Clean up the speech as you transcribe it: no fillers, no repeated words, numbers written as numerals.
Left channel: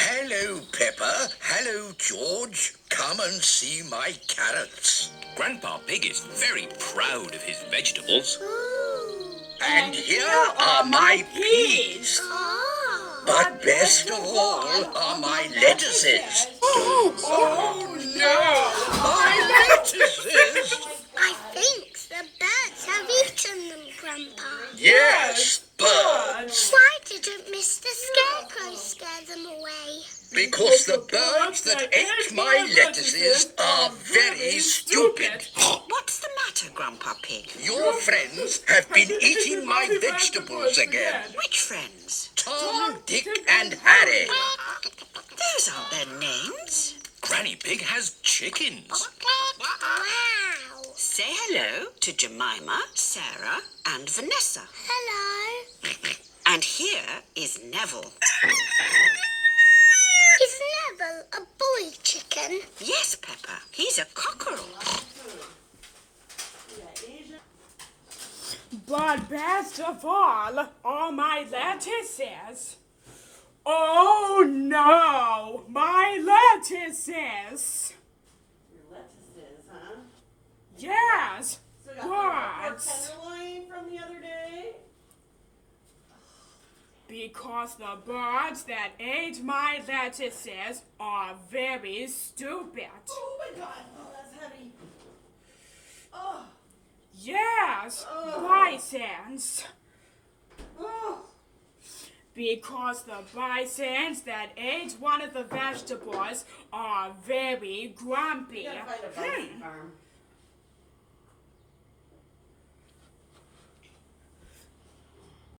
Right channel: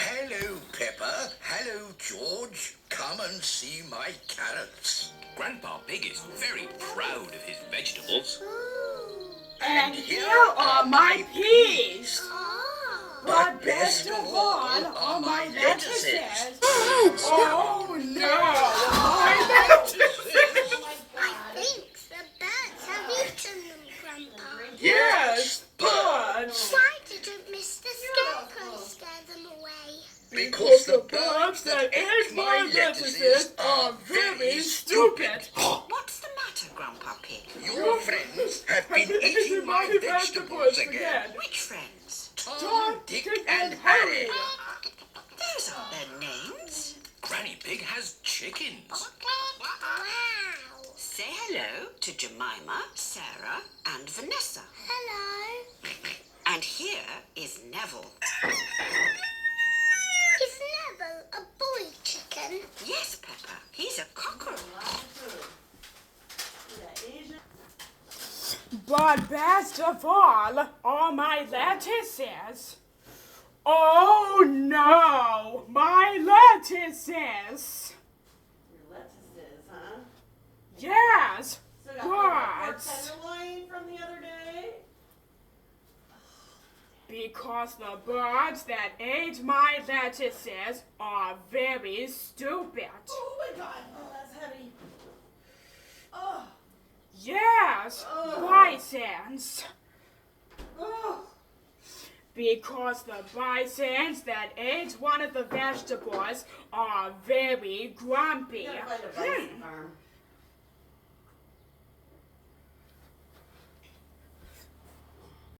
Hello, Peppa. Hello, George. Come and see my carrots. Grandpa Pig is very proud of his vegetables. And here are my peas. But best of all are my lettuces. Oh no! My lettuces! I think the birds have eaten them, Grandpa. Yes, birds. Why didn't Mr. Scarecrow scare them away? because the birds that ate my lettuces are very stupid. What's the matter, Grandpa Pig? Your friends have been eating my vegetables again. Which friends? Tom, Dick, and Harry. Those aren't their names. Granny Pig has chickens. Wow. Say hello to Jemima, Sarah, and Vanessa. Hello. And here is Neville. Is Neville a boy chicken? Yes, Peppa, he's a cockerel. But best of all are my lettuces. Oh no! My lettuces! Your lettuces, huh? Yes! So we got Birds! tenderloin from the other day. Because the birds that ate my lettuces are very stupid. Oh my god. Oh, that's heavy. Oh. Yes, bisons. Oh. Because the bisons that ate one of the vegetables are very grumpy. Gotta find a bison farm.